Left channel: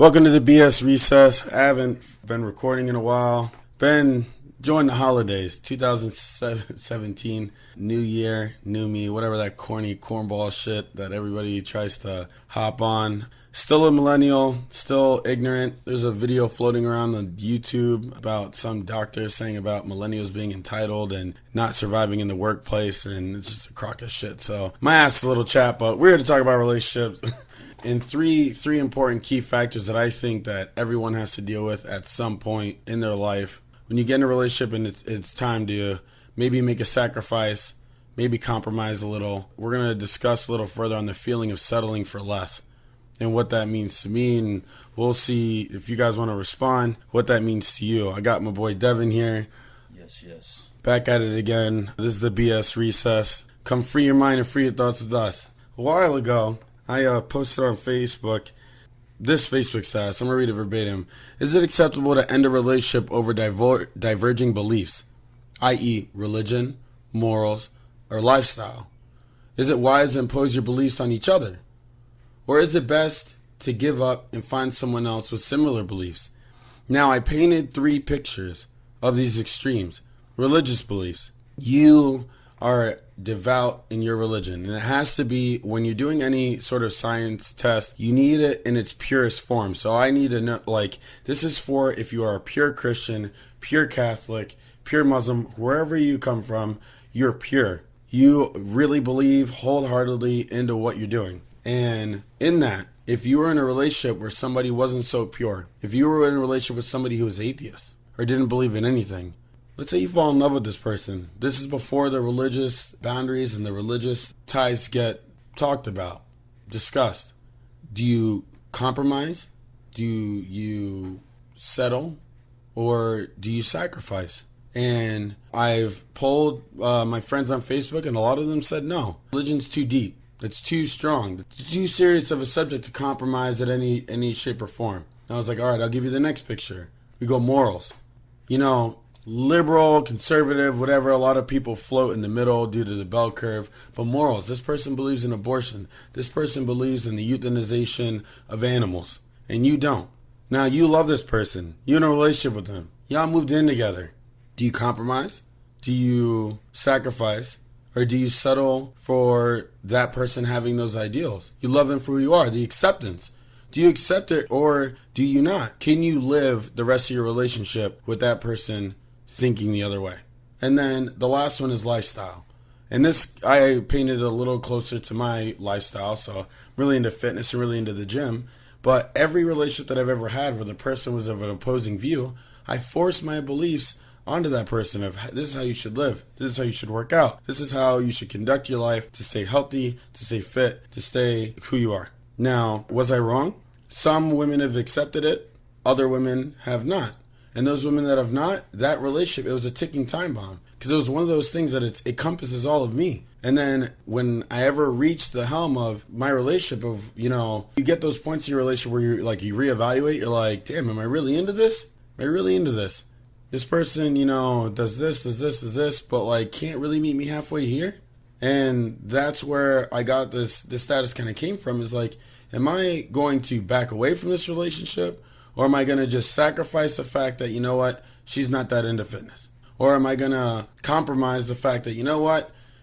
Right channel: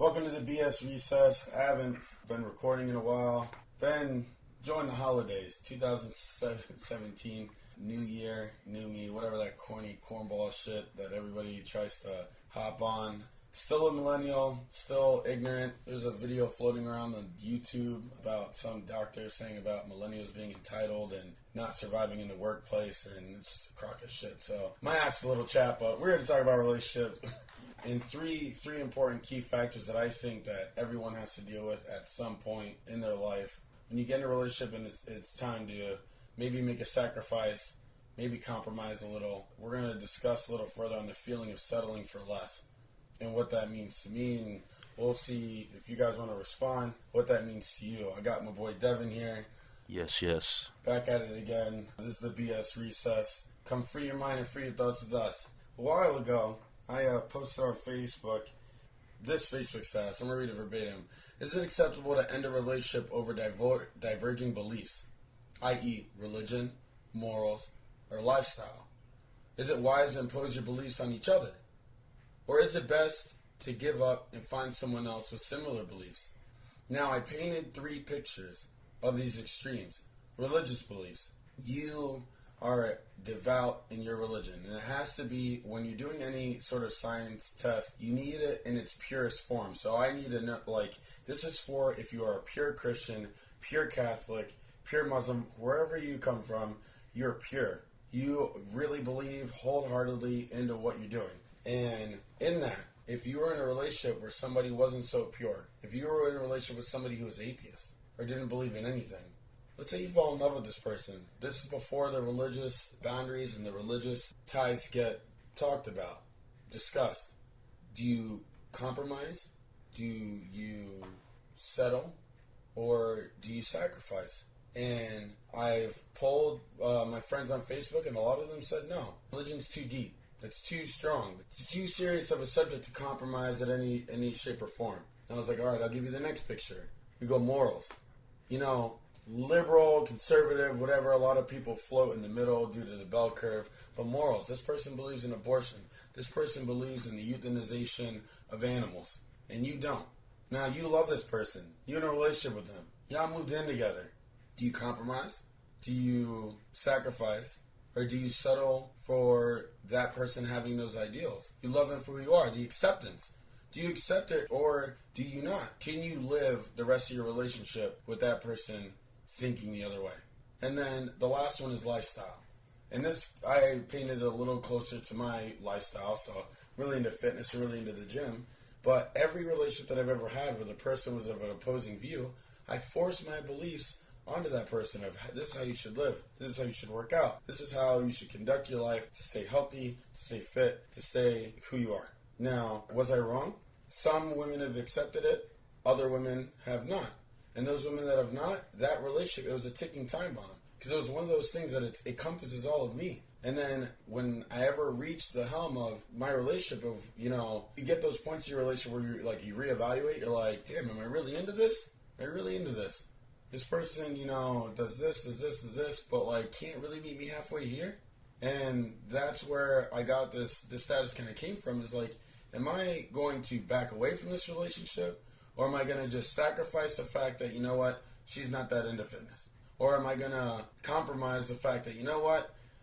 Welcome to the BSrecess. I haven't been recording in a while. Been enjoying the holidays. 2017, new year, new me, whatever that corny cornball shit that everybody tries to hop on. Still a millennial, still ignorant. There's a video floating around on YouTube about some doctor saying about millennials being entitled and not surviving in the workplace, and it's just a crock of shit. So my ass is a little chat, but we're here to talk about relationships. And three important key factors that I think that everyone has to deal with at some point in their life. When you get in a relationship and it's time to maybe make a sacrifice, maybe compromise a little, we're going to discuss a little further on the feeling of settling for less and what that means to me. And we'll see if you guys want to respond, what that means to you. I got my boy Devin here. Yes. Back at it again. This is the BSrecess. Come free your mind and free your thoughts with us. A while ago, I posted on Facebook this Facebook status. I'm going to read it verbatim. Is it acceptable to end a relationship over diverging beliefs, i.e. religion, morals, or lifestyle? Is it wise to impose your beliefs on each other? Or is it best to give up and find someone else with similar beliefs? Now, I painted three pictures of these extremes. Religious beliefs. You are devout in your religion, and it has to be, when you're doing any sort of science test, you need it in its purest form. So I need to know, like, this is for if you are a pure Christian, pure Catholic, pure Muslim, wherever you come from, you're pure. You really believe wholeheartedly into what you're doing. And in that, if you were in a relationship where somebody wasn't so pure, if you were in a relationship with somebody who was atheist or didn't believe in anything, let's say you fall in love with this person. This is before the religious boundaries and the religious ties get talked about, discussed. Do you compromise? Do you settle? Or do you sacrifice? And I've polled my friends on Facebook, and a lot of them said no. Religion's too deep. It's too strong. It's too serious of a subject to compromise at any shape or form. And I was like, all right, I'll give you the next picture. We go morals. You know, liberal, conservative, whatever, a lot of people float in the middle due to the bell curve. But morals, this person believes in abortion. This person believes in the euthanization of animals. And you don't. Now, you love this person. You're in a relationship with them. Y'all moved in together. Do you compromise? Do you sacrifice? Or do you settle for that person having those ideals? You love them for who you are, the acceptance. Do you accept it or do you not? Can you live the rest of your relationship with that person thinking the other way? And then the last one is lifestyle. And this, I painted a little closer to my lifestyle. So I'm really into fitness and really into the gym. But every relationship that I've ever had where the person was of an opposing view, I forced my beliefs onto that person of, this is how you should live. This is how you should work out. This is how you should conduct your life to stay healthy, to stay fit, to stay who you are. Now, was I wrong? Some women have accepted it. Other women have not. And those women that have not, that relationship, it was a ticking time bomb. Because it was one of those things that it encompasses all of me. And then when I ever reached the helm of my relationship of, you get those points in your relationship where you're like, you reevaluate, you're like, damn, am I really into this? Am I really into this? This person, does this, but like can't really meet me halfway here. And that's where I got this status kind of came from, is like, am I going to back away from this relationship? Or am I going to just sacrifice the fact that, she's not that into fitness? Or am I going to compromise the fact that,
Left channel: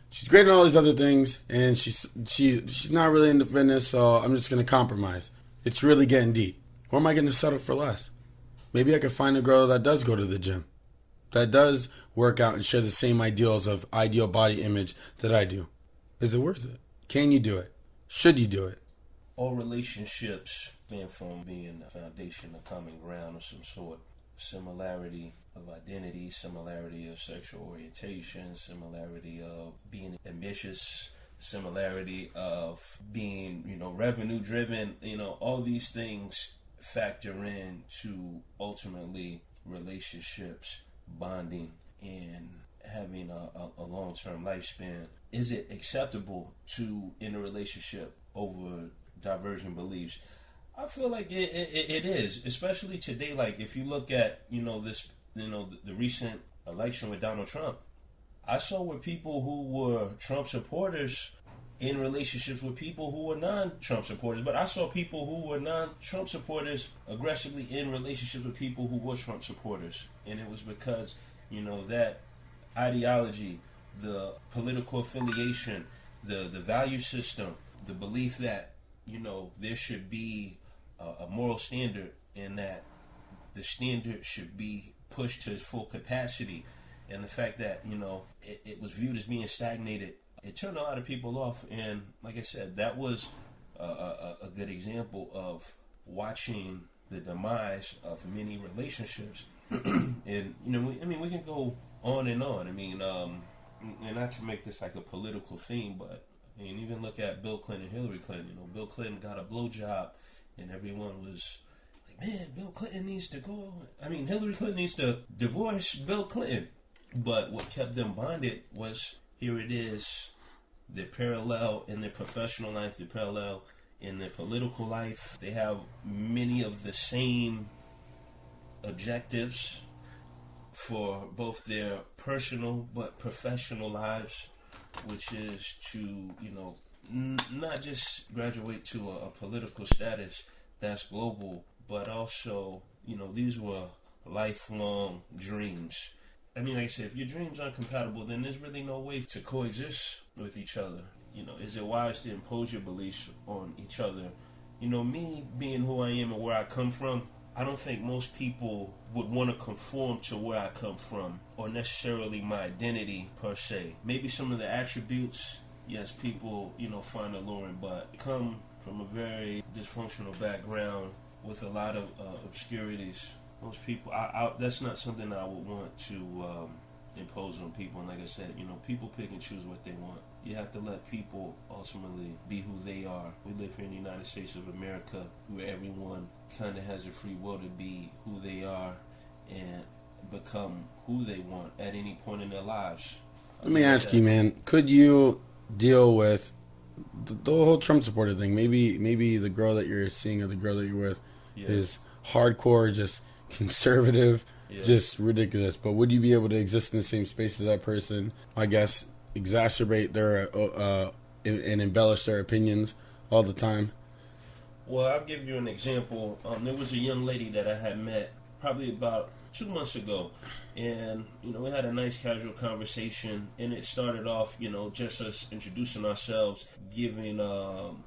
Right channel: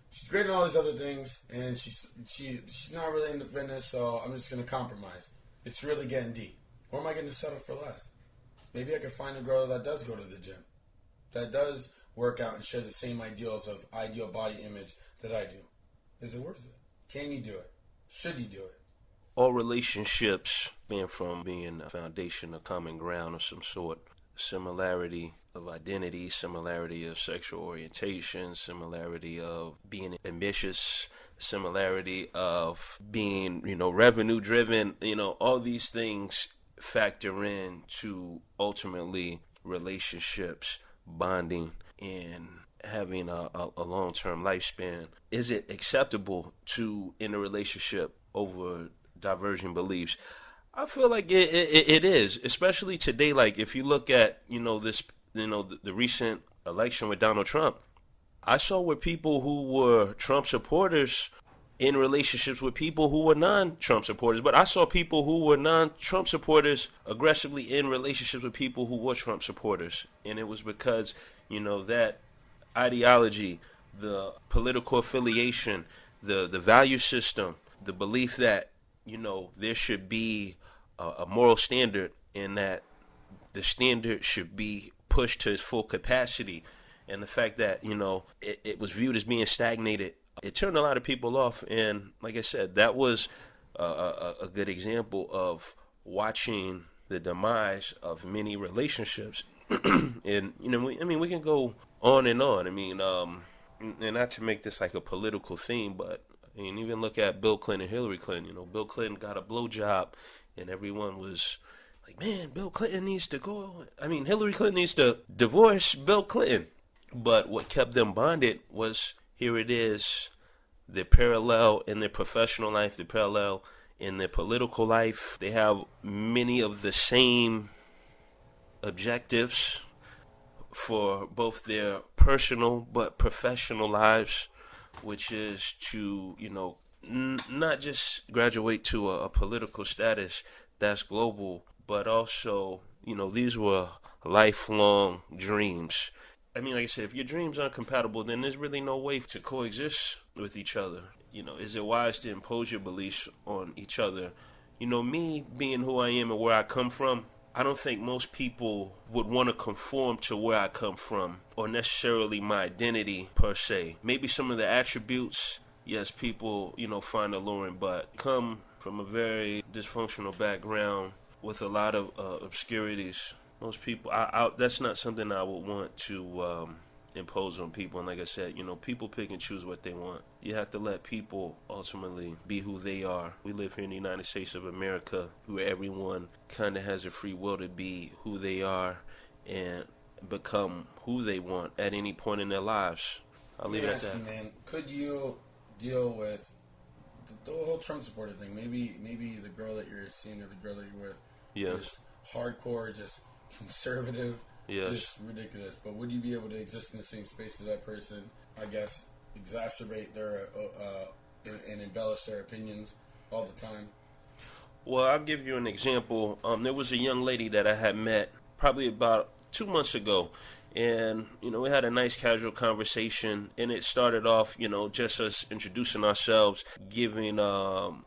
she's great at all these other things and she's not really into fitness, so I'm just going to compromise. It's really getting deep. Or am I going to settle for less? Maybe I could find a girl that does go to the gym, that does work out and share the same ideals of ideal body image that I do. Is it worth it? Can you do it? Should you do it? All relationships being a foundation, a common ground of some sort, similarity of identity, similarity of sexual orientation, similarity of being ambitious, similarity of being, revenue driven, all these things factor in to ultimately relationships, bonding, and having a long-term lifespan. Is it acceptable to in a relationship over diverging beliefs? I feel like it is, especially today. Like if you look at the recent election with Donald Trump, I saw where people who were Trump supporters in relationships with people who were non-Trump supporters. But I saw people who were non-Trump supporters aggressively in relationships with people who were Trump supporters. And it was because, that ideology, the political affiliation, the value system, the belief that, there should be a moral standard and that the standard should be pushed to its full capacity. And the fact that, it was viewed as being stagnated, it turned a lot of people off. And like I said, that was a good example of watching the demise of many relationships. And, we can go on and on. And not to make this like a political theme, but even look at Bill Clinton and Hillary Clinton. Bill Clinton got a blowjob and everyone was like, man, Bill Clinton needs to go. Hillary Clinton needs to divorce Bill Clinton. But what kept them bonded was, here it is, the parallel in their professional life, the parallel in their political life. They have many of the same objectives for both their personal but professional lives, which is to, not just graduate to a political status that's global, but also, these were lifelong dreams. Like I said, if your dreams aren't compatible, then there's really no way to coexist with each other. Is it wise to impose your beliefs on each other? Me being who I am and where I come from, I don't think most people would want to conform to where I come from or necessarily my identity per se. Maybe some of the attributes, yes, people, find alluring, but come from a very dysfunctional background with a lot of obscurities. Most people, that's not something I would want to impose on people. And like I said, people pick and choose what they want. You have to let people ultimately be who they are. We live here in the United States of America, where everyone kind of has a free will to be who they are and become who they want at any point in their lives. Let me ask you, man, could you deal with the whole Trump supporter thing? Maybe the girl that you're seeing or the girl that you're with is hardcore, just conservative, just ridiculous. But would you be able to exist in the same space as that person? I guess exacerbate their and embellish their opinions all the time. Well, I'll give you an example. There was a young lady that I had met probably about 2 months ago, and we had a nice casual conversation, and it started off just us introducing ourselves, giving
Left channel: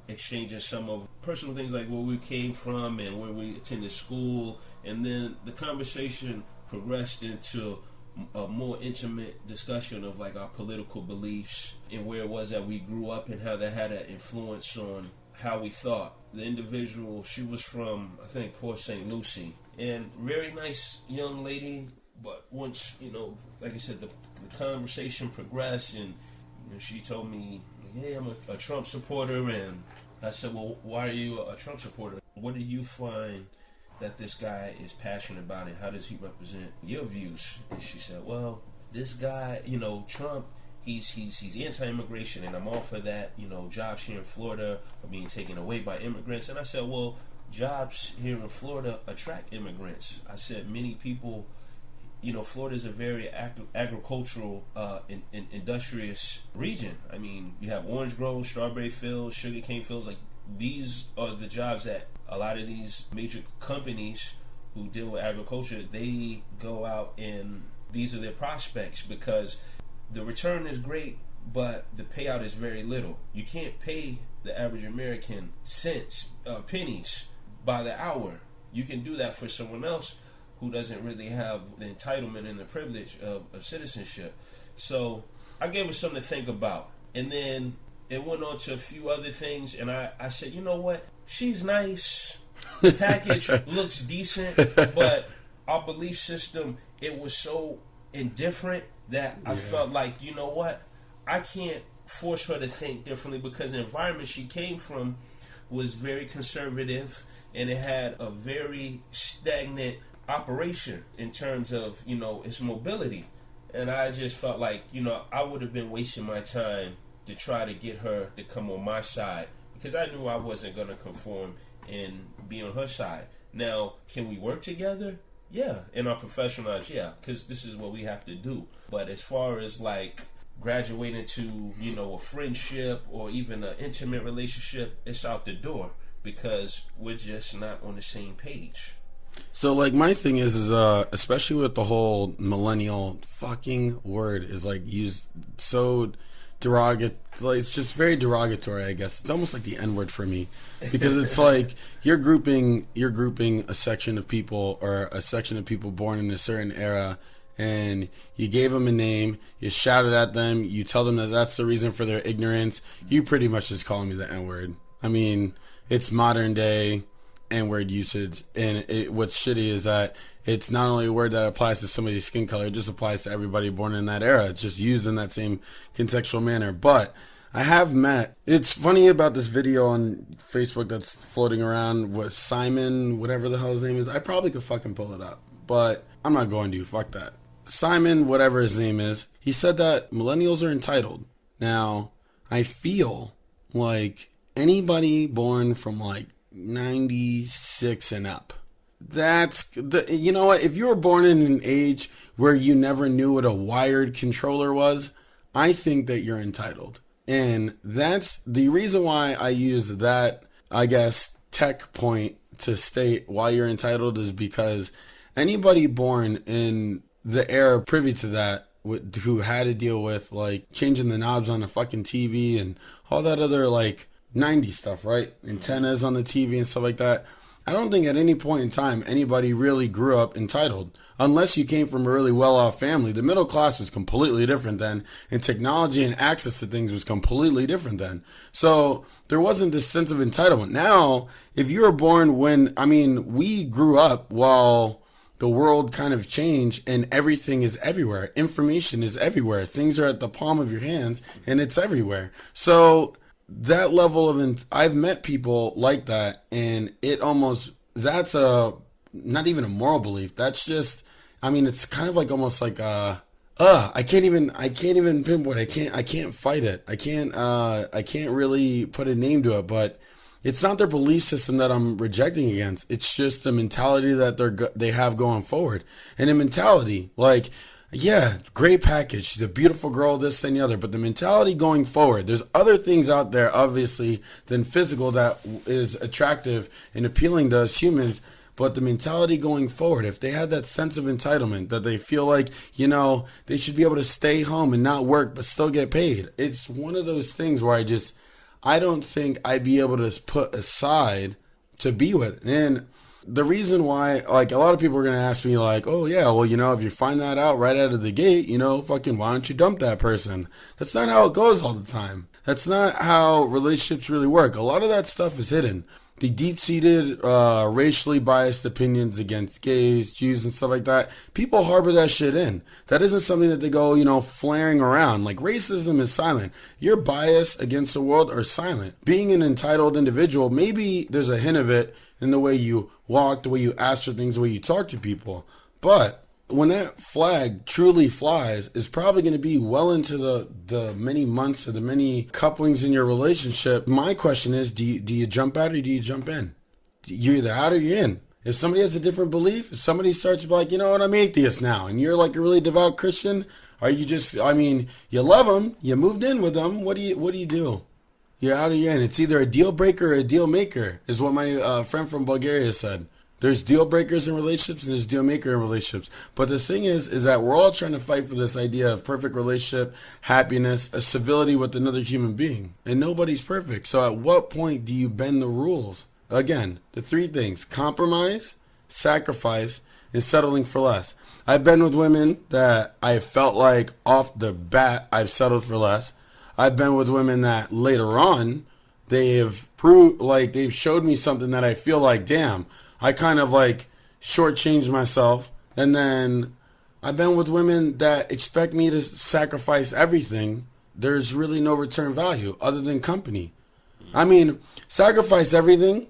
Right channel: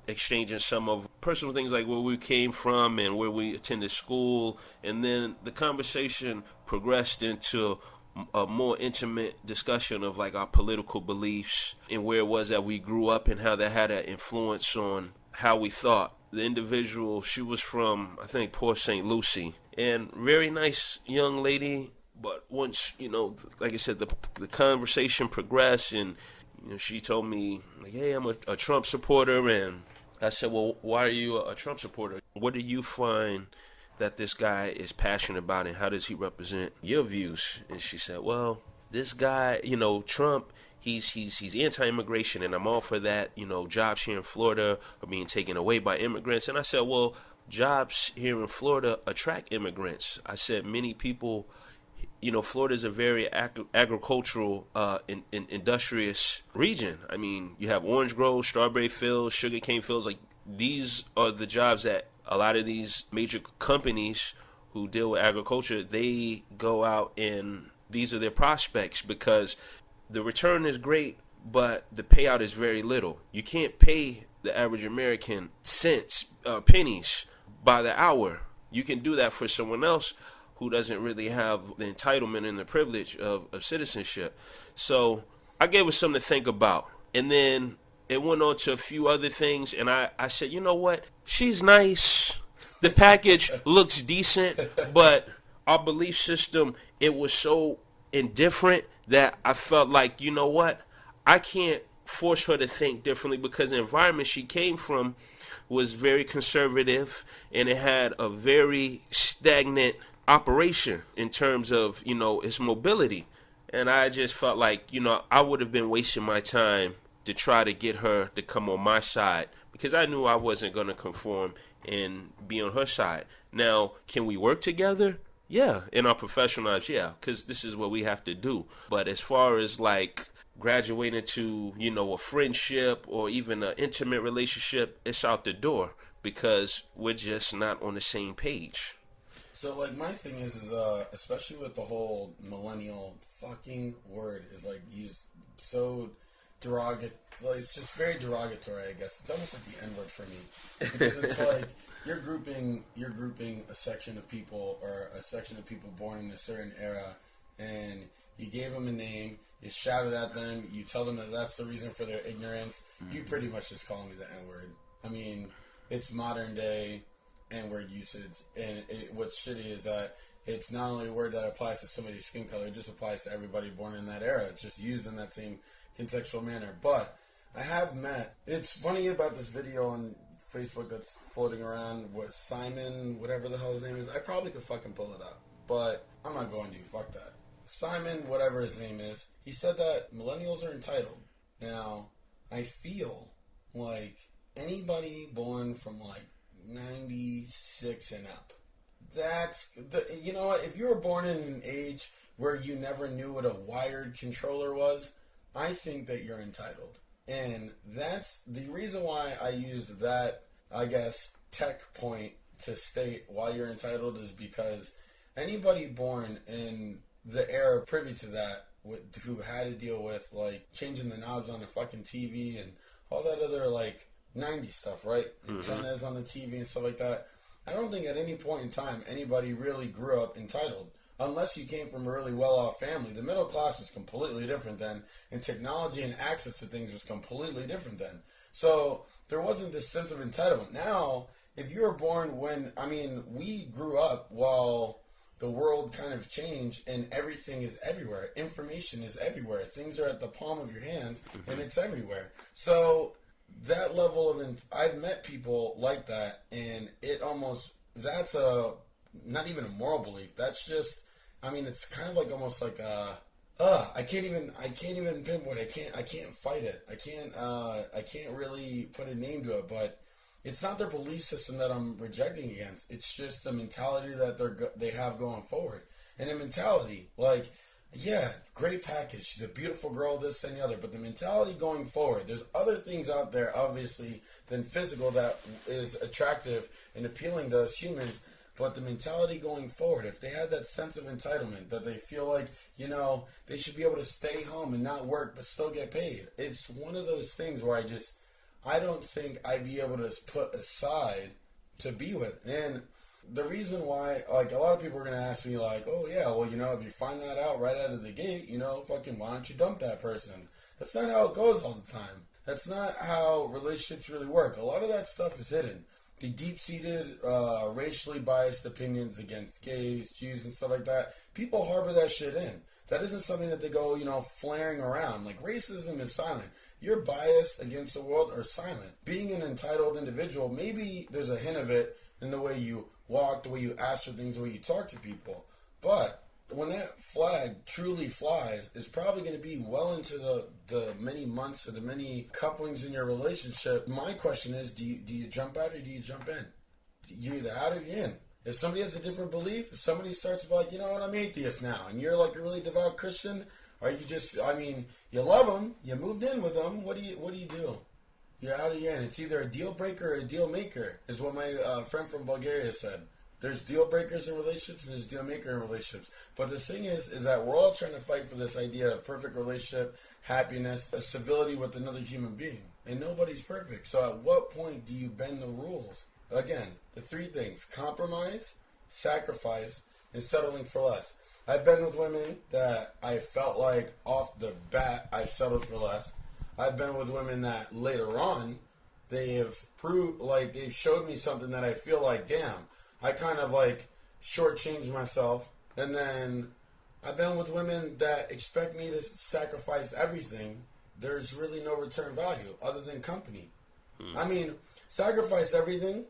exchanging some of personal things like where we came from and where we attended school, and then the conversation progressed into a more intimate discussion of like our political beliefs and where it was that we grew up and how that had an influence on how we thought. The individual, she was from, I think, Port St. Lucie, and very nice young lady. But once, like I said, the conversation progressed, and she told me, like, hey, I'm a Trump supporter. And I said, well, why are you a Trump supporter? What do you find that this guy is passionate about, and how does he represent your views? And she said, well, this guy, Trump, he's anti-immigration, and I'm all for that. Jobs here in Florida are being taken away by immigrants. And I said, well, jobs here in Florida attract immigrants. I said, many people, Florida is a very agricultural, industrious region. You have orange groves, strawberry fields, sugarcane fields. Like, these are the jobs that a lot of these major companies who deal with agriculture, they go out and these are their prospects, because the return is great, but the payout is very little. You can't pay the average American cents, pennies by the hour. You can do that for someone else who doesn't really have the entitlement and the privilege of citizenship. So I gave her something to think about. And then it went on to a few other things, and I said, you know what? She's nice. The package looks decent, but our belief system, it was so indifferent that I felt like, you know what? I can't force her to think differently, because the environment she came from was very conservative, and it had a very stagnant operation in terms of, its mobility. And I just felt like, I would have been wasting my time to try to get her to come on my side, because I knew I wasn't going to conform and be on her side. Now, can we work together? Yeah, in our professional lives, yeah, because this is what we have to do. But as far as like graduating to, a friendship or even an intimate relationship, it's out the door because we're just not on the same page. So like my thing is especially with the whole millennial fucking word is like used so derogatory, like it's just very derogatory, I guess. It's almost like the N-word for me because it's like you're grouping a section of people or a section of people born in a certain era, and you gave them a name, you shouted at them, you tell them that that's the reason for their ignorance. You pretty much just calling me the N-word. I mean, it's modern day N-word usage, and what's shitty is that it's not only a word that applies to somebody's skin color, it just applies to everybody born in that era. It's just used in that same contextual manner. But I have met, it's funny about this video on Facebook that's floating around with Simon, whatever the hell his name is. I probably could fucking pull it up, but I'm not going to. Fuck that. Simon, whatever his name is, he said that millennials are entitled. Now, I feel like anybody born from like 96 and up, you know what, if you were born in an age where you never knew what a wired controller was, I think that you're entitled. And that's the reason why I use that, I guess, tech point to state why you're entitled, is because anybody born in the era privy to that, who had to deal with like changing the knobs on the fucking TV and all that other like 90s stuff, right? Antennas on the TV and stuff like that. I don't think at any point in time anybody really grew up entitled, unless you came from a really well-off family. The middle class was completely different then, and technology and access to things was completely different then. So there wasn't this sense of entitlement. Now, if you were born we grew up while the world kind of changed and everything is everywhere. Information is everywhere. Things are at the palm of your hands and it's everywhere. So that level of, I've met people like that, and that's not even a moral belief. That's just, it's kind of like almost like I can't even pinpoint. I can't fight it. I can't really put a name to it, but it's not their belief system that I'm rejecting against. It's just the mentality that they have going forward. And the mentality, like, yeah, great package. She's a beautiful girl, this and the other. But the mentality going forward, there's other things out there, obviously, than physical that is attractive and appealing to us humans. But the mentality going forward, if they had that sense of entitlement, that they feel like, they should be able to stay home and not work but still get paid. It's one of those things where I don't think I'd be able to put aside to be with. And the reason why, like, a lot of people are going to ask me, like, oh, yeah, well, if you find that out right out of the gate, fucking why don't you dump that person? That's not how it goes all the time. That's not how relationships really work. A lot of that stuff is hidden. The deep-seated, racially biased opinions against gays, Jews, and stuff like that, people harbor that shit in. That isn't something that they go, flaring around. Like, racism is silent. Your bias against the world are silent. Being an entitled individual, maybe there's a hint of it in the way you walk, the way you ask for things, the way you talk to people. But when that flag truly flies, it's probably going to be well into the many months or the many couplings in your relationship. My question is, do you jump out or do you jump in? You're either out or you're in. If somebody has a different belief, if somebody starts to be like, I'm atheist now, and you're like a really devout Christian, are you just, you love them, you moved in with them, what do you do? You're out or you're in. It's either a deal breaker or a deal maker, is what my friend from Bulgaria said. There's deal breakers in relationships and there's deal maker in relationships. But the thing is that we're all trying to fight for this idea of perfect relationship, happiness, a civility with another human being. And nobody's perfect. So at what point do you bend the rules? Again, the three things: compromise, sacrifice, and settling for less. I've been with women that I felt like off the bat I've settled for less. I've been with women that later on they've showed me something that I feel like, damn, I kind of like shortchanged myself. And then I've been with women that expect me to sacrifice everything. There's really no return value other than company. Sacrifice everything.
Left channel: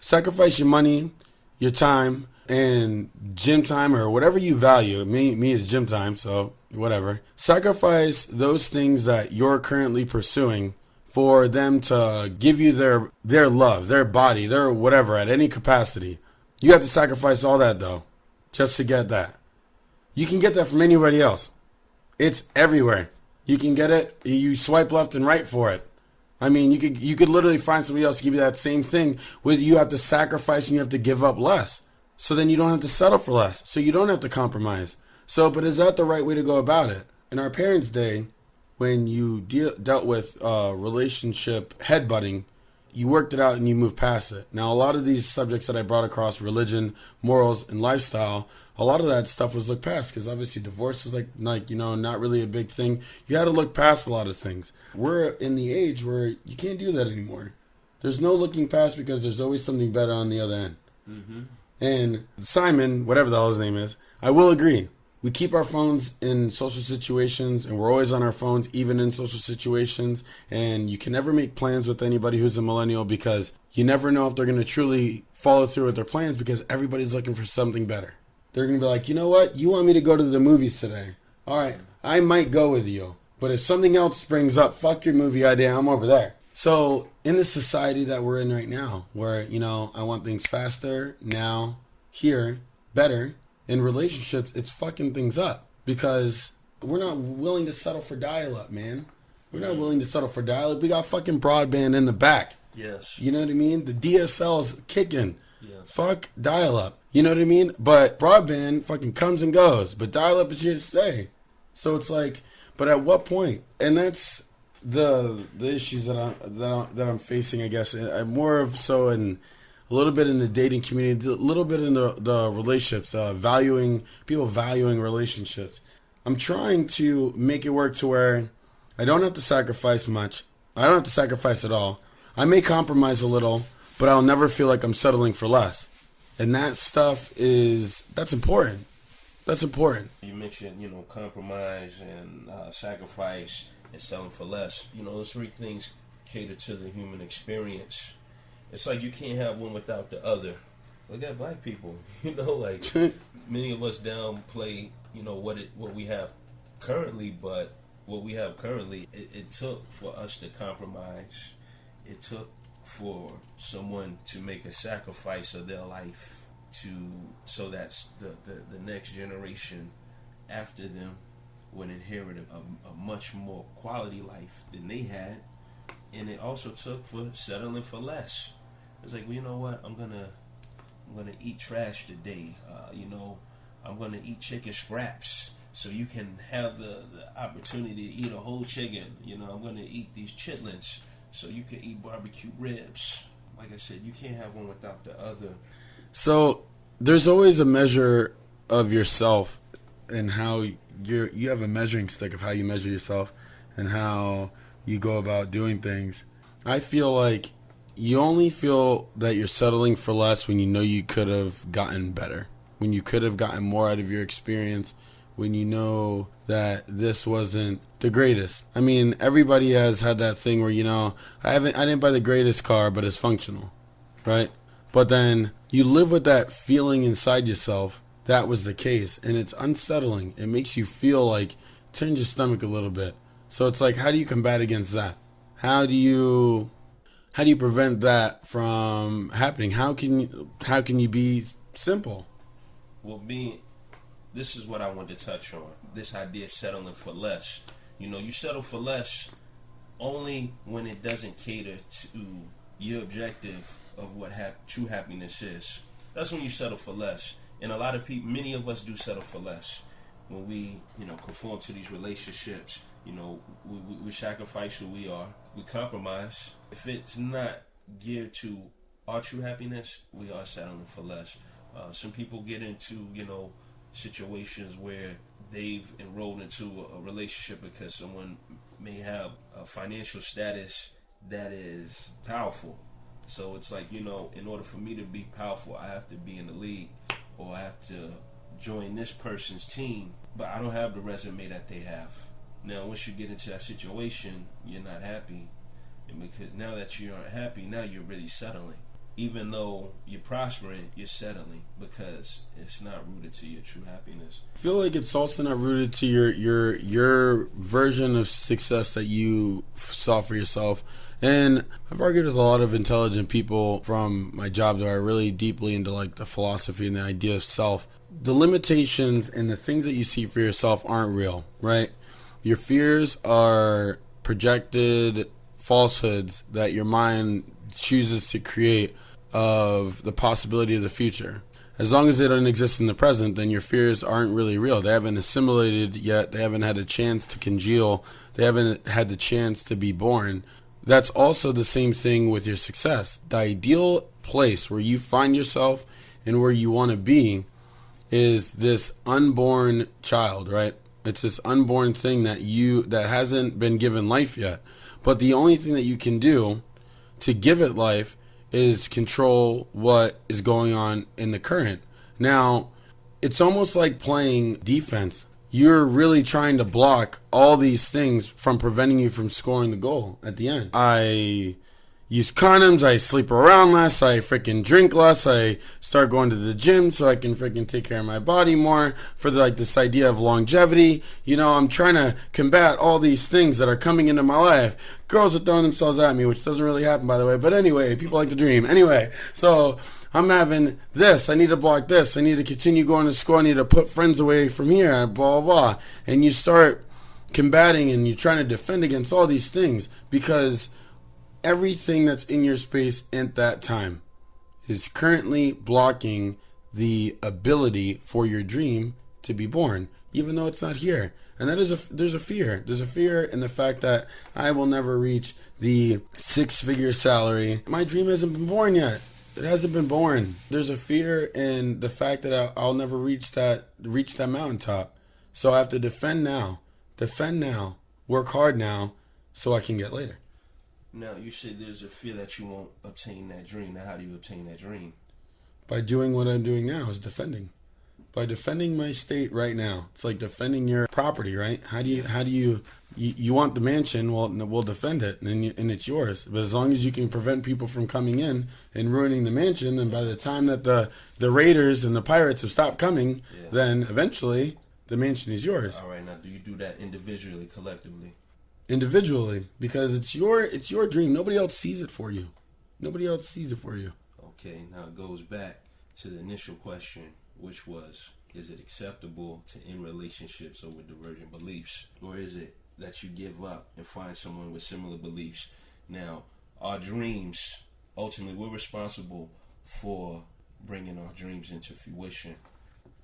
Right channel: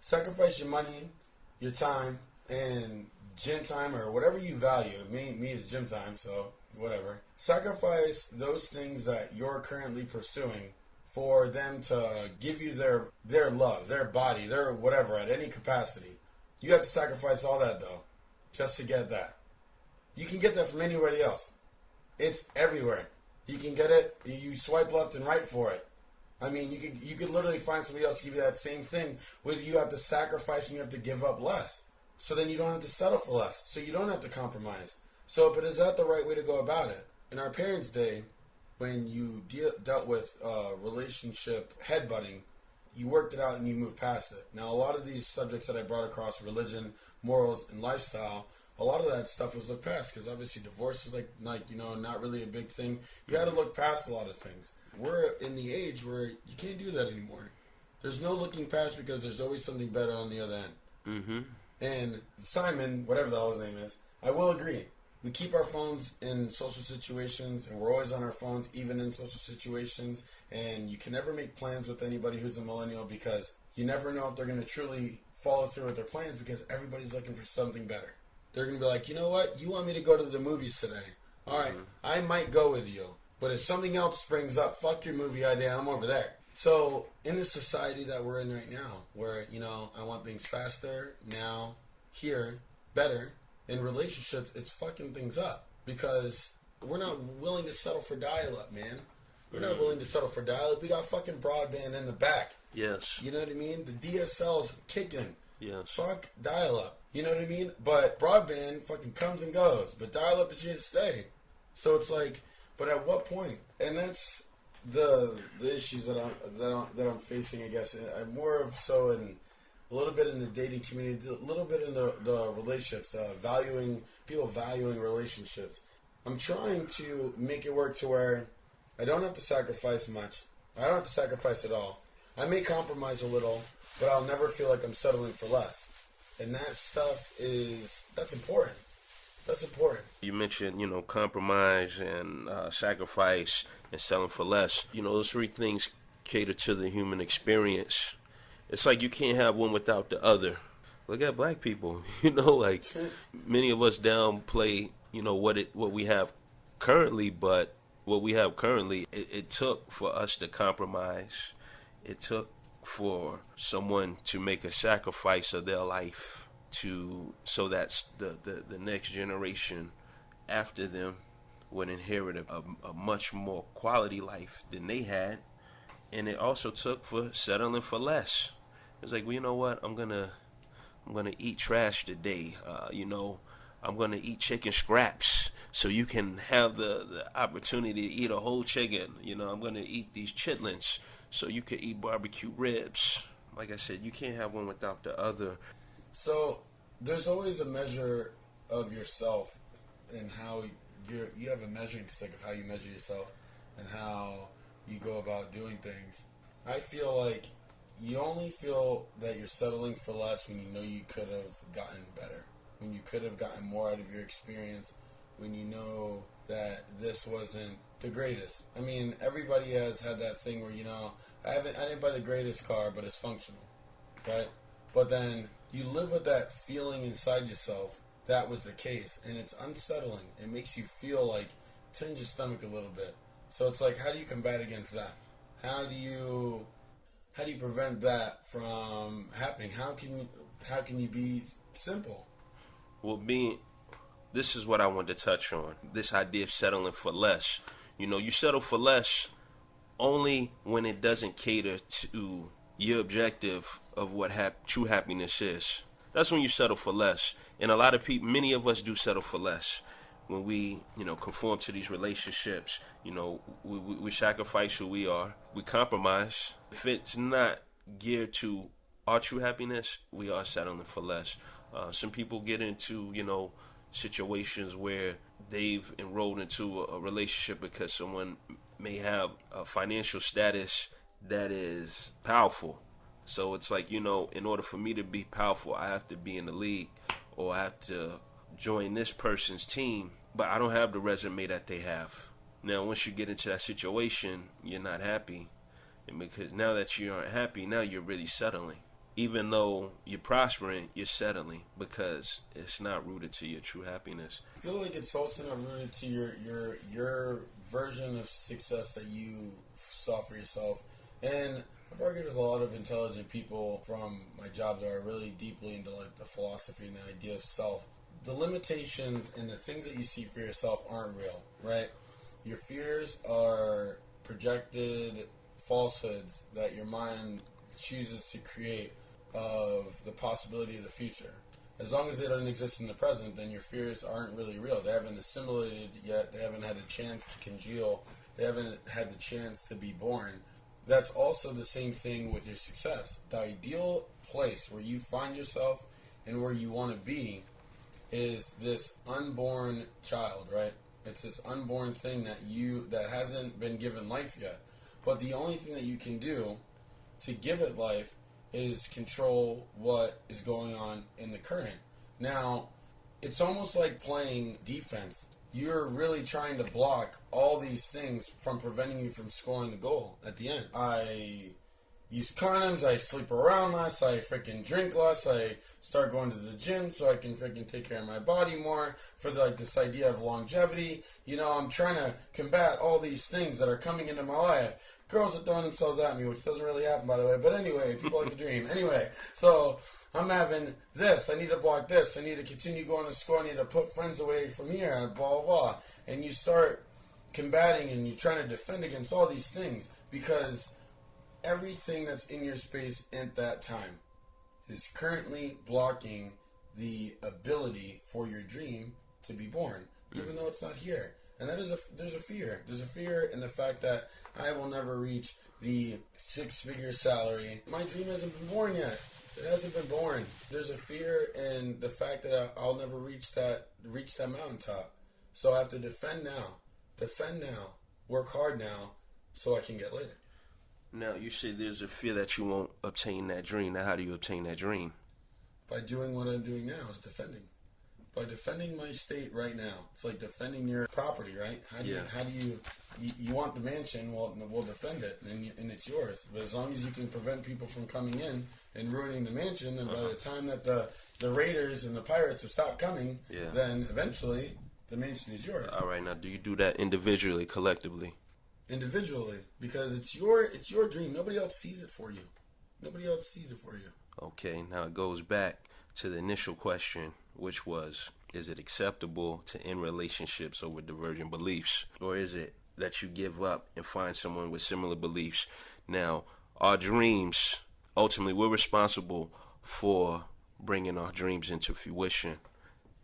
Sacrifice your money, your time, and gym time, or whatever you value. Me is gym time, so whatever. Sacrifice those things that you're currently pursuing for them to give you their love, their body, their whatever, at any capacity. You have to sacrifice all that, though, just to get that. You can get that from anybody else. It's everywhere. You can get it. You swipe left and right for it. I mean, you could literally find somebody else to give you that same thing where you have to sacrifice and you have to give up less. So then you don't have to settle for less. So you don't have to compromise. So, but is that the right way to go about it? In our parents' day, when you dealt with relationship headbutting, you worked it out and you moved past it. Now, a lot of these subjects that I brought across, religion, morals, and lifestyle, a lot of that stuff was looked past because obviously divorce was like not really a big thing. You had to look past a lot of things. We're in the age where you can't do that anymore. There's no looking past because there's always something better on the other end. Mm-hmm. And Simon, whatever the hell his name is, I will agree. We keep our phones in social situations, and we're always on our phones, even in social situations. And you can never make plans with anybody who's a millennial because you never know if they're going to truly follow through with their plans because everybody's looking for something better. They're going to be like, you know what? You want me to go to the movies today. All right, I might go with you. But if something else springs up, fuck your movie idea, I'm over there. So in the society that we're in right now, where, I want things faster, now, here, better, in relationships, it's fucking things up because we're not willing to settle for dial-up, man. We're not willing to settle for dial-up. We got fucking broadband in the back. Yes. You know what I mean? The DSL's kicking. Yes. Fuck dial-up. You know what I mean? But broadband fucking comes and goes. But dial-up is here to stay. So it's like, but at what point? And that's the issues that I'm facing, I guess. I'm more of so in a little bit in the dating community, a little bit in the relationships, people valuing relationships. I'm trying to make it work to where I don't have to sacrifice much. I don't have to sacrifice at all. I may compromise a little, but I'll never feel like I'm settling for less. And that stuff that's important. That's important. You mentioned, compromise and sacrifice and selling for less. Those three things cater to the human experience. It's like you can't have one without the other. Look at black people, many of us downplay, what we have currently, but what we have currently, it took for us to compromise. It took for someone to make a sacrifice of their life so that the next generation after them would inherit a much more quality life than they had. And it also took for settling for less. It's like, well, you know what? I'm gonna eat trash today. I'm gonna eat chicken scraps so you can have the opportunity to eat a whole chicken. I'm gonna eat these chitlins so you can eat barbecue ribs. Like I said, you can't have one without the other. So there's always a measure of yourself and how you have a measuring stick of how you measure yourself and how you go about doing things. I feel like you only feel that you're settling for less when you know you could have gotten better, when you could have gotten more out of your experience, when you know that this wasn't the greatest. I mean, everybody has had that thing where, I didn't buy the greatest car, but it's functional, right? But then you live with that feeling inside yourself that was the case, and it's unsettling. It makes you feel like, turns your stomach a little bit. So it's like, how do you combat against that? How do you prevent that from happening? How can you be simple? Well, this is what I wanted to touch on. This idea of settling for less. You settle for less only when it doesn't cater to your objective of what true happiness is. That's when you settle for less. And a lot of people, many of us do settle for less. When we, conform to these relationships, we sacrifice who we are. We compromise. If it's not geared to our true happiness, we are settling for less. Some people get into, situations where they've enrolled into a relationship because someone may have a financial status that is powerful. So it's like, in order for me to be powerful, I have to be in the league or I have to join this person's team, but I don't have the resume that they have. Now, once you get into that situation, you're not happy. And because now that you aren't happy, now you're really settling. Even though you're prospering, you're settling because it's not rooted to your true happiness. I feel like it's also not rooted to your version of success that you saw for yourself. And I've argued with a lot of intelligent people from my job that are really deeply into like the philosophy and the idea of self. The limitations and the things that you see for yourself aren't real, right? Your fears are projected falsehoods that your mind chooses to create of the possibility of the future. As long as they don't exist in the present, then your fears aren't really real. They haven't assimilated yet. They haven't had a chance to congeal. They haven't had the chance to be born. That's also the same thing with your success. The ideal place where you find yourself and where you want to be is this unborn child, right? It's this unborn thing that hasn't been given life yet. But the only thing that you can do to give it life is control what is going on in the current. Now, it's almost like playing defense. You're really trying to block all these things from preventing you from scoring the goal at the end. I use condoms, I sleep around less, I freaking drink less, I start going to the gym so I can freaking take care of my body more for this idea of longevity. You know, I'm trying to combat all these things that are coming into my life. Girls are throwing themselves at me, which doesn't really happen, by the way, but anyway, people like to dream. Anyway, so I'm having this, I need to block this, I need to continue going to school, I need to put friends away from here, blah, blah, blah. And you start combating and you're trying to defend against all these things because everything that's in your space at that time is currently blocking the ability for your dream to be born, even though it's not here. And there's a fear. There's a fear in the fact that I will never reach the 6-figure salary. My dream hasn't been born yet. It hasn't been born. There's a fear in the fact that I'll never reach that mountaintop. So I have to defend now, work hard now, so I can get later. Now, you said there's a fear that you won't obtain that dream. Now, how do you obtain that dream? By doing what I'm doing now, is defending. By defending my state right now. It's like defending your property, right? How do you want the mansion? Well, we'll defend it, and it's yours. But as long as you can prevent people from coming in and ruining the mansion, and by the time that the raiders and the pirates have stopped coming, then eventually the mansion is yours. All right, now, do you do that individually, collectively? Individually, because it's your dream. Nobody else sees it for you. Okay, now it goes back to the initial question, which was, is it acceptable to end relationships over divergent beliefs? Or is it that you give up and find someone with similar beliefs? Now, our dreams, ultimately, we're responsible for bringing our dreams into fruition.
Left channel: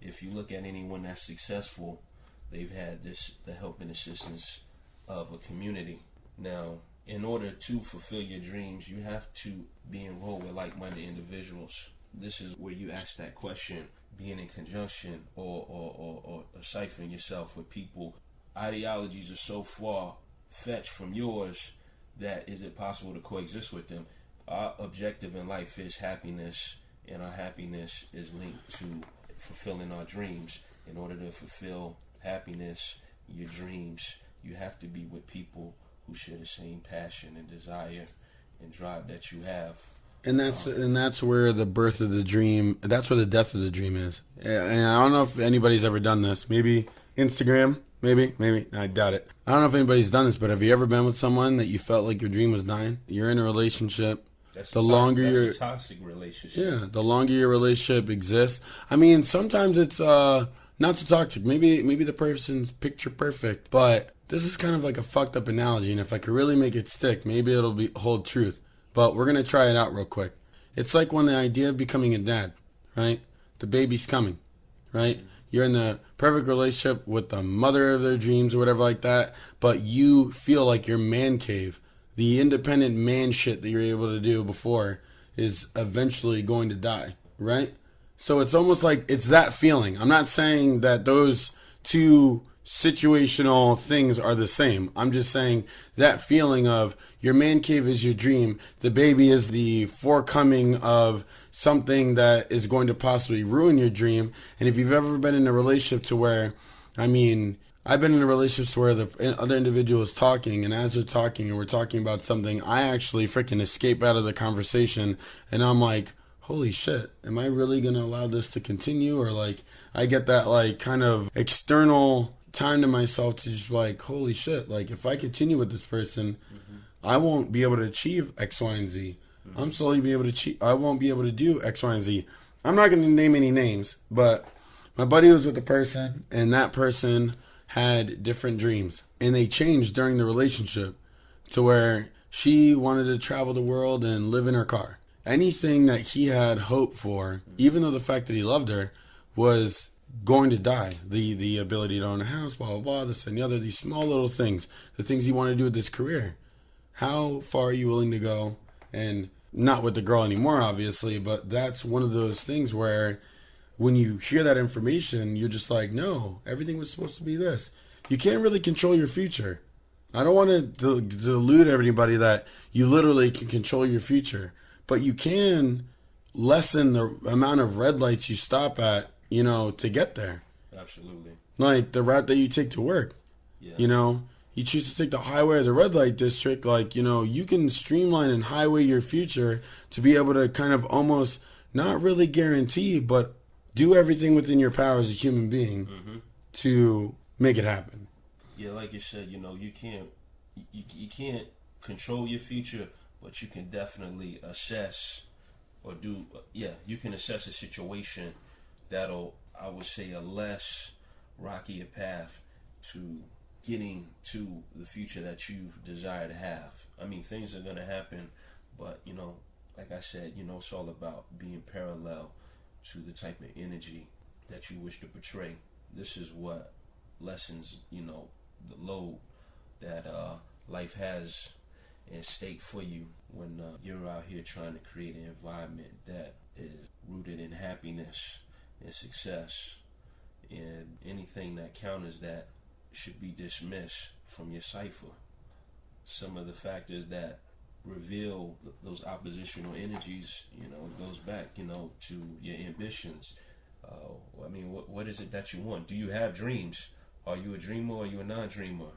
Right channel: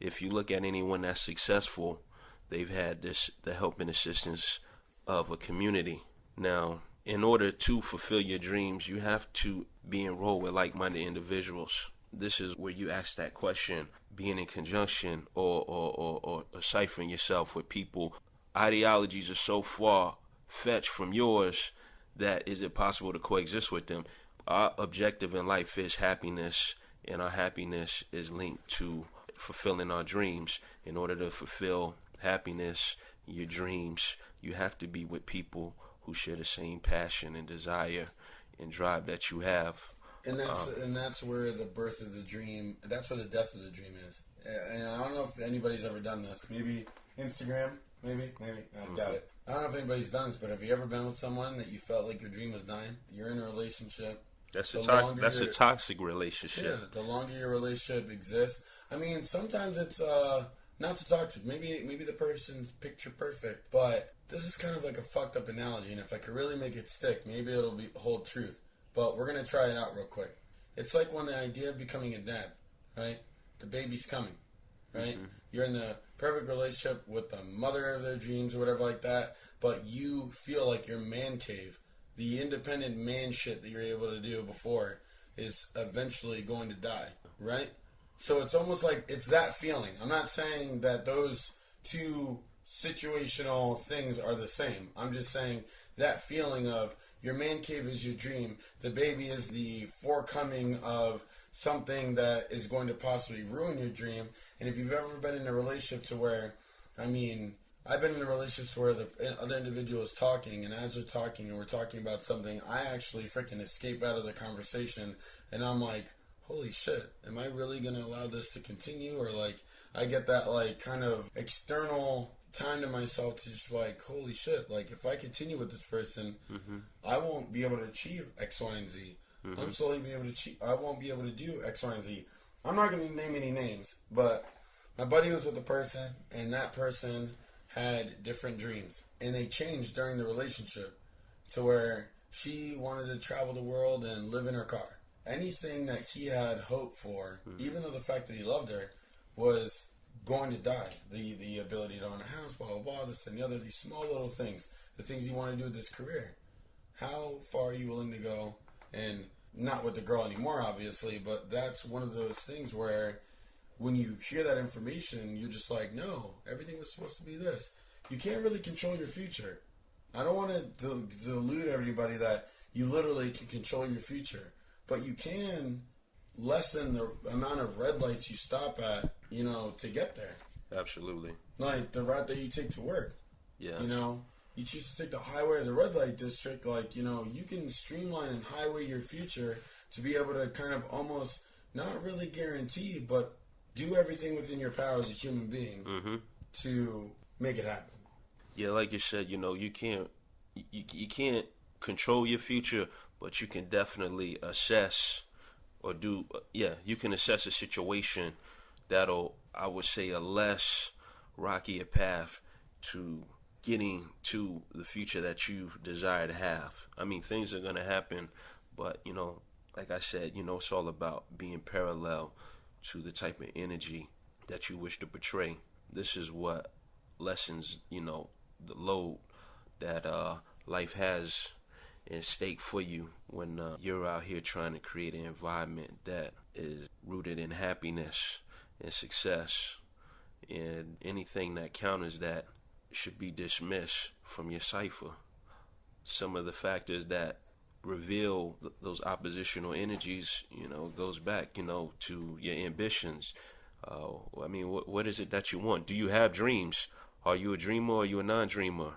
If you look at anyone that's successful, they've had the help and assistance of a community. Now, in order to fulfill your dreams, you have to be enrolled with like-minded individuals. This is where you ask that question, being in conjunction or ciphering yourself with people. Ideologies are so far-fetched from yours that is it possible to coexist with them? Our objective in life is happiness, and our happiness is linked to fulfilling our dreams. In order to fulfill happiness, your dreams, you have to be with people who share the same passion and desire and drive that you have. And that's where the birth of the dream, that's where the death of the dream is. And I don't know if anybody's ever done this. Maybe Instagram, maybe. I doubt it. I don't know if anybody's done this, but have you ever been with someone that you felt like your dream was dying? You're in a relationship. That's a toxic relationship. Yeah, the longer your relationship exists. I mean, sometimes it's not so toxic. Maybe the person's picture perfect, but this is kind of like a fucked up analogy, and if I could really make it stick, maybe it'll hold truth. But we're going to try it out real quick. It's like when the idea of becoming a dad, right? The baby's coming, right? Mm-hmm. You're in the perfect relationship with the mother of their dreams or whatever like that, but you feel like your man cave, the independent man shit that you're able to do before, is eventually going to die, right? So it's almost like it's that feeling. I'm not saying that those two situational things are the same. I'm just saying that feeling of your man cave is your dream, the baby is the forecoming of something that is going to possibly ruin your dream. And if you've ever been in a relationship to where, I've been in a relationship where the other individual is talking, and as they're talking and we're talking about something, I actually freaking escape out of the conversation, and I'm like, holy shit, am I really going to allow this to continue? Or like, I get that like kind of external time to myself to just like, holy shit, like if I continue with this person, I won't be able to achieve X, Y, and Z. I'm slowly be able to achieve, I won't be able to do X, Y, and Z. I'm not going to name any names, but my buddy was with a person, and that person had different dreams, and they changed during the relationship to where she wanted to travel the world and live in her car. Anything that he had hoped for, even though the fact that he loved her, was going to die. The ability to own a house, blah, blah, blah, this and the other, these small little things, the things he wanted to do with his career. How far are you willing to go? And not with the girl anymore, obviously, but that's one of those things where when you hear that information, you're just like, no, everything was supposed to be this. You can't really control your future. I don't want to delude everybody that you literally can control your future, but you can lessen the amount of red lights you stop at, to get there. Absolutely. Like the route that you take to work. Yeah. You choose to take the highway or the red light district, you can streamline and highway your future to be able to kind of almost not really guarantee, but do everything within your power as a human being to make it happen. Yeah, like you said, you can't control your future, but you can definitely assess or do, you can assess a situation that'll, I would say, a less rocky a path to getting to the future that you desire to have. I mean, things are going to happen, but, like I said, it's all about being parallel to the type of energy that you wish to portray. This is what lessens, the load that life has in stake for you when you're out here trying to create an environment that is rooted in happiness and success, and anything that counters that should be dismissed from your cipher. Some of the factors that reveal those oppositional energies, goes back, to your ambitions. What is it that you want? Do you have dreams? Are you a dreamer or are you a non-dreamer?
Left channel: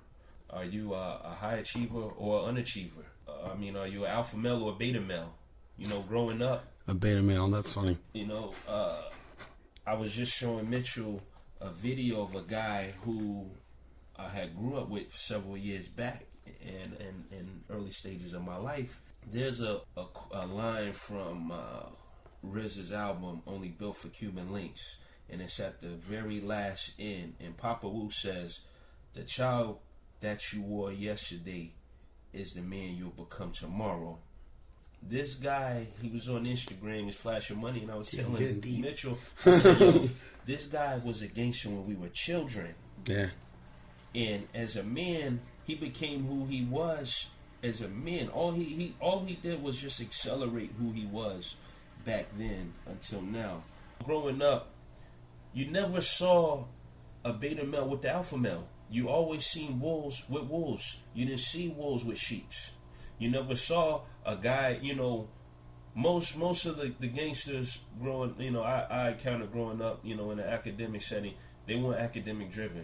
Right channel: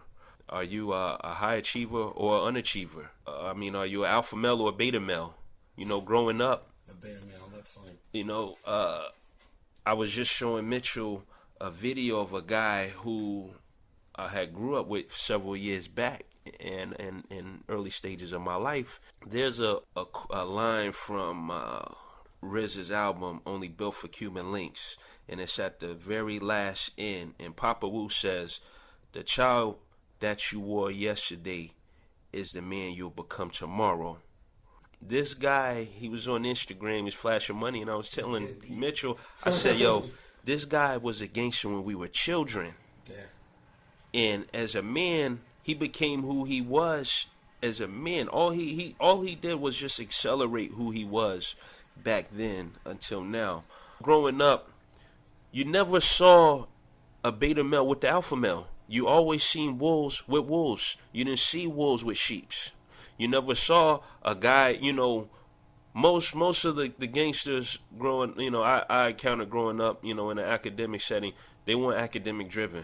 Are you a high achiever or an unachiever? Are you an alpha male or a beta male? Growing up. A beta male, that's funny. I was just showing Mitchell a video of a guy who I had grew up with several years back and in early stages of my life. There's a line from RZA's album, Only Built for Cuban Links, and it's at the very last end, and Papa Wu says, the child that you wore yesterday is the man you'll become tomorrow. This guy, he was on Instagram, he's flashing money, and I was telling Mitchell, I said, yo, this guy was a gangster when we were children. Yeah. And as a man, he became who he was as a man. All he did was just accelerate who he was back then until now. Growing up, you never saw a beta male with the alpha male. You always seen wolves with wolves. You didn't see wolves with sheeps. You never saw a guy, most of the gangsters growing, I encountered growing up, in an academic setting, they weren't academic driven.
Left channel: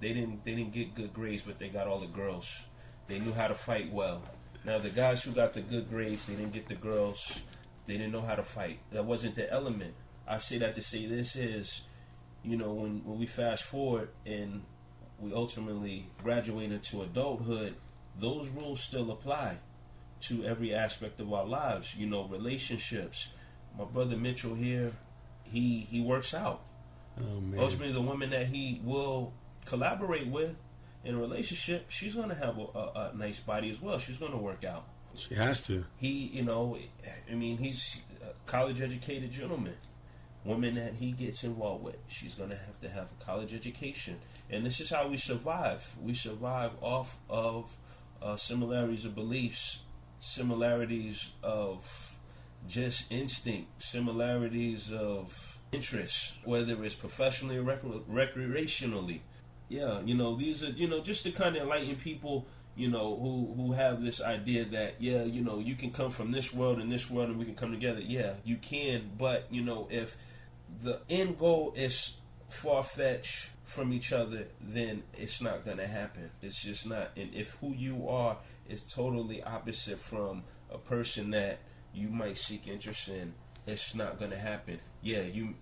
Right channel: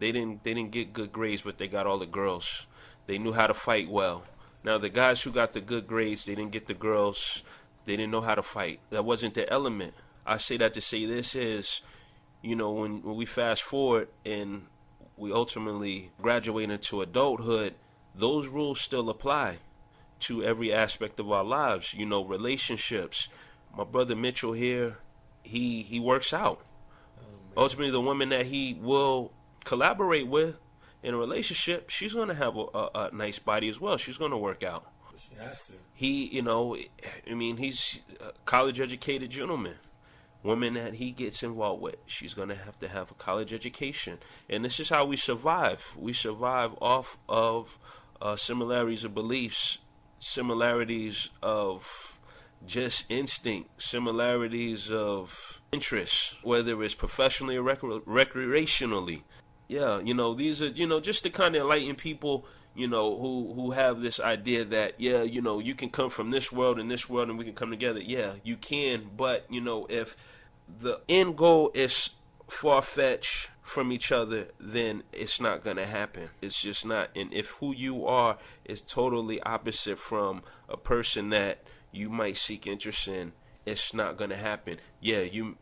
They didn't get good grades, but they got all the girls. They knew how to fight well. Now the guys who got the good grades, they didn't get the girls. They didn't know how to fight. That wasn't their element. I say that to say this is, when we fast forward and we ultimately graduate into adulthood, those rules still apply to every aspect of our lives. Relationships. My brother Mitchell here, he works out. Oh, man. Ultimately, the woman that he will collaborate with in a relationship, she's going to have a nice body as well. She's going to work out. She has to. He's a college educated gentleman. Woman that he gets involved with, she's going to have a college education. And this is how we survive. We survive off of similarities of beliefs, similarities of just instinct, similarities of interests, whether it's professionally or recreationally. Yeah, these are, just to kind of enlighten people, who have this idea that, you can come from this world and we can come together. Yeah, you can, but, if the end goal is far-fetched from each other, then it's not going to happen. It's just not. And if who you are is totally opposite from a person that you might seek interest in, it's not going to happen. Yeah, you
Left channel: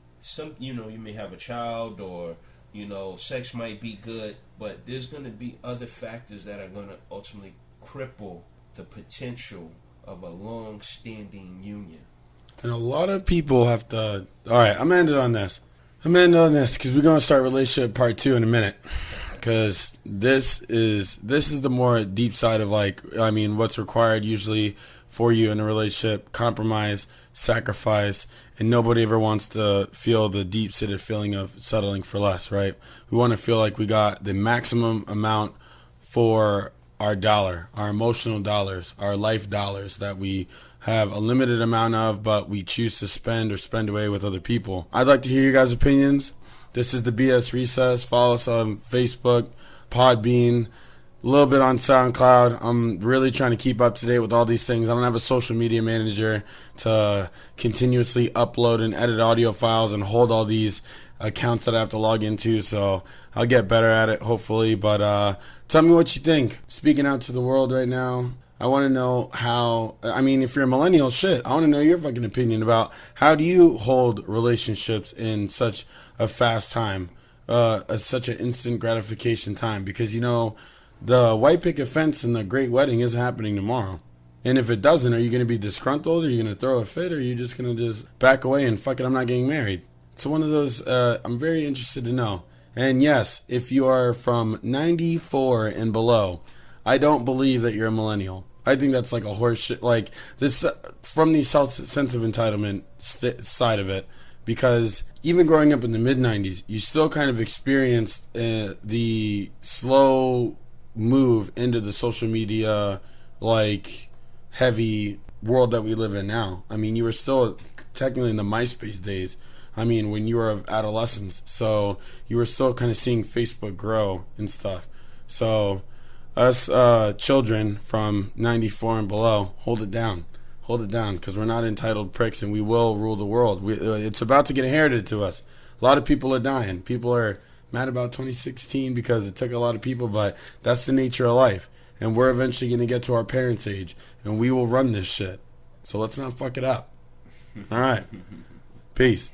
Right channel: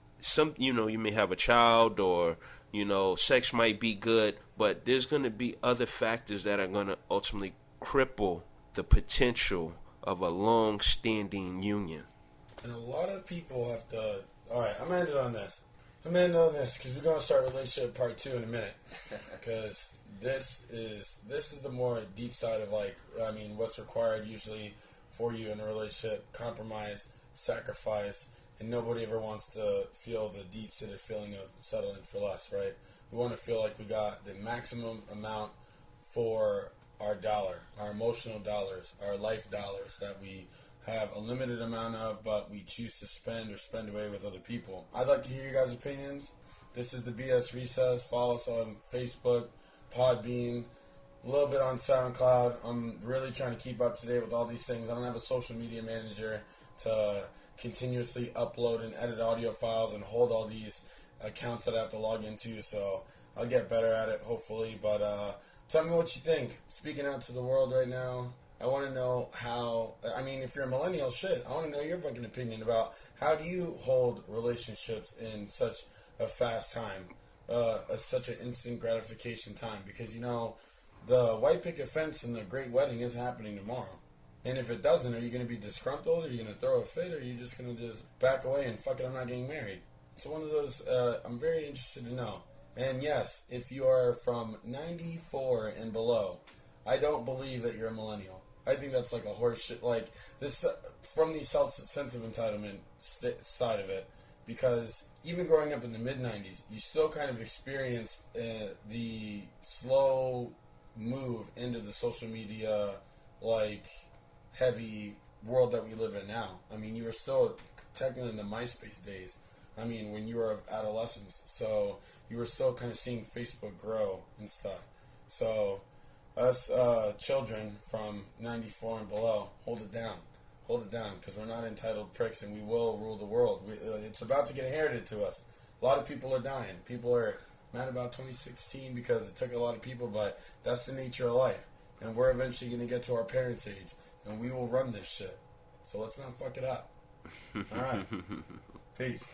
may have a child or, sex might be good, but there's going to be other factors that are going to ultimately cripple the potential of a long-standing union. And a lot of people have to... All right, I'm going to end it on this. because we're going to start relationship part 2 in a minute. because this is the more deep side of, like, I mean, what's required usually for you in a relationship: compromise, sacrifice, and nobody ever wants to feel the deep-seated feeling of settling for less, right? We want to feel like we got the maximum amount for our dollar, our emotional dollars, our life dollars that we have a limited amount of, but we choose to spend or spend away with other people. I'd like to hear you guys' opinions. This is the BS Recess. Follow us on Facebook, Podbean, a little bit on SoundCloud. I'm really trying to keep up to date with all these things. I don't have a social media manager to continuously upload and edit audio files and hold all these accounts that I have to log into, so I'll get better at it, hopefully. But tell me what you think. Speaking out to the world right now, I want to know how, I mean, if you're a millennial, shit, I want to know your fucking opinion about how do you hold relationships in such a fast time, such an instant gratification time, because, you know, the white picket fence and the great wedding is happening tomorrow. And if it doesn't, are you going to be disgruntled? Are you going to throw a fit? Or are you just going to just back away and fuck it, I'm not getting married? So one of those, I'm very interested to know. And yes, if you are from 94 and below, I don't believe that you're a millennial. I think that's like a horse shit. Like this, from the sense of entitlement side of it, because even growing up in the mid 90s, you still kind of experienced the slow move into the social media, like, heavy world that we live in now. I mean, you were still technically in the MySpace days. I mean, when you were of adolescence, so you were still kind of seeing Facebook grow and stuff. So us children from 94 and below, hold it down, because we're not entitled pricks, and we will rule the world. It's about to get inherited to us. A lot of people are dying. People are mad about 2016 because it took a lot of people, but that's the nature of life. And we're eventually going to get to our parents' age, and we will run this shit. So let's not fuck it up. All right. Peace.